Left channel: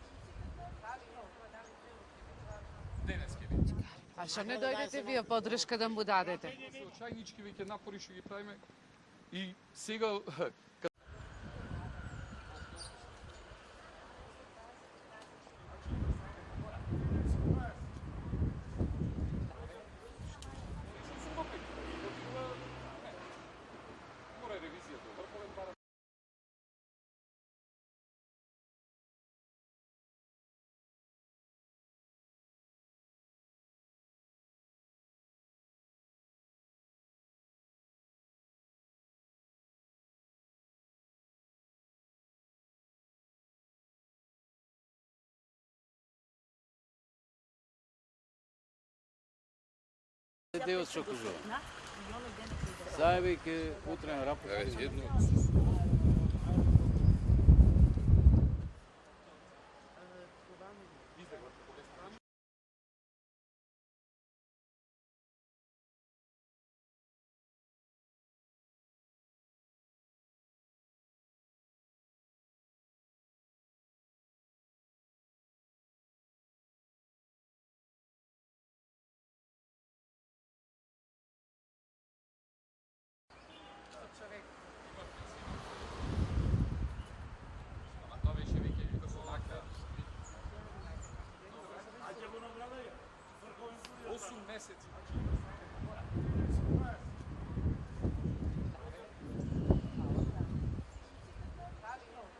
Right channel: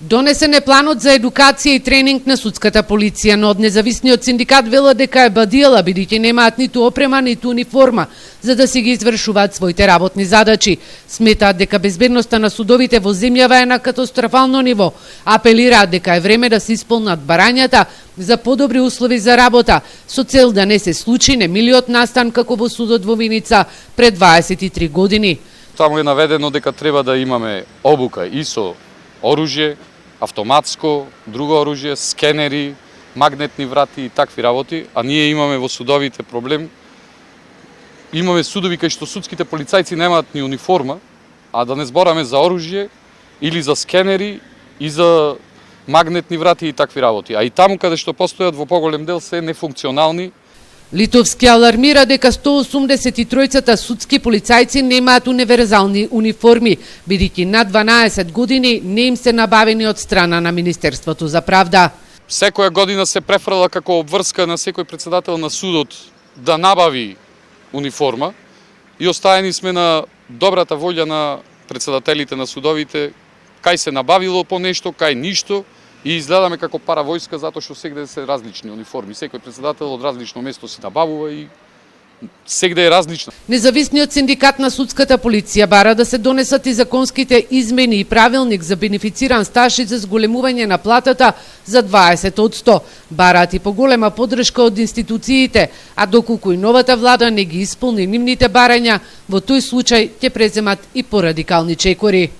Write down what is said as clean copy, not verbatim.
Донесен е планот за едукација и тренинг на судската полиција, но од независниот синдикат велат дека е бадиела, бидејќи немаат ниту опрема, ниту униформа, за да си ги извршуваат своите работни задачи. Сметаат дека безбедноста на судовите во земјава е на катастрофално ниво. Апелираат дека е време да се исполнат барањата за подобри услови за работа, со цел да не се случи немилиот настан како во судот во Виница пред 23 години. Таму е наведено дека треба да имаме обука и со оружје, автоматско, друго оружје, скенери, магнетни врати и такви работи, а ние имаме во судовите проблем. Имаме судови кај што судските полицајци немаат ни униформа, а да не збораме за оружје или за скенери и за магнетни врати и такви работи. А и таму каде што постојат во поголем дел се нефункционални. Литовски алармира дека 183 судски полицајци немаат универзални униформи, бидејќи на 12 години не им се набавени од страна на Министерството за правда. Секоја година се префрла како обврска на секој председател на судот да набави униформа и оставени сме на добрата волја на председателите на судовите, кај се набавило по нешто, кај ништо. И изгледаме како паравојска затоа што сегде се различни униформи. Секој председател од различно место си набавува и сегде е различно. Независниот синдикат на судската полиција бара да се донесат и законските измени и правилник за бенефициран стаж и за зголемување на платата за 20%. Бараат и поголема поддршка од институциите, а доколку и новата влада не ги исполни нивните барања, во тој случај ќе преземат и порадикални чекори.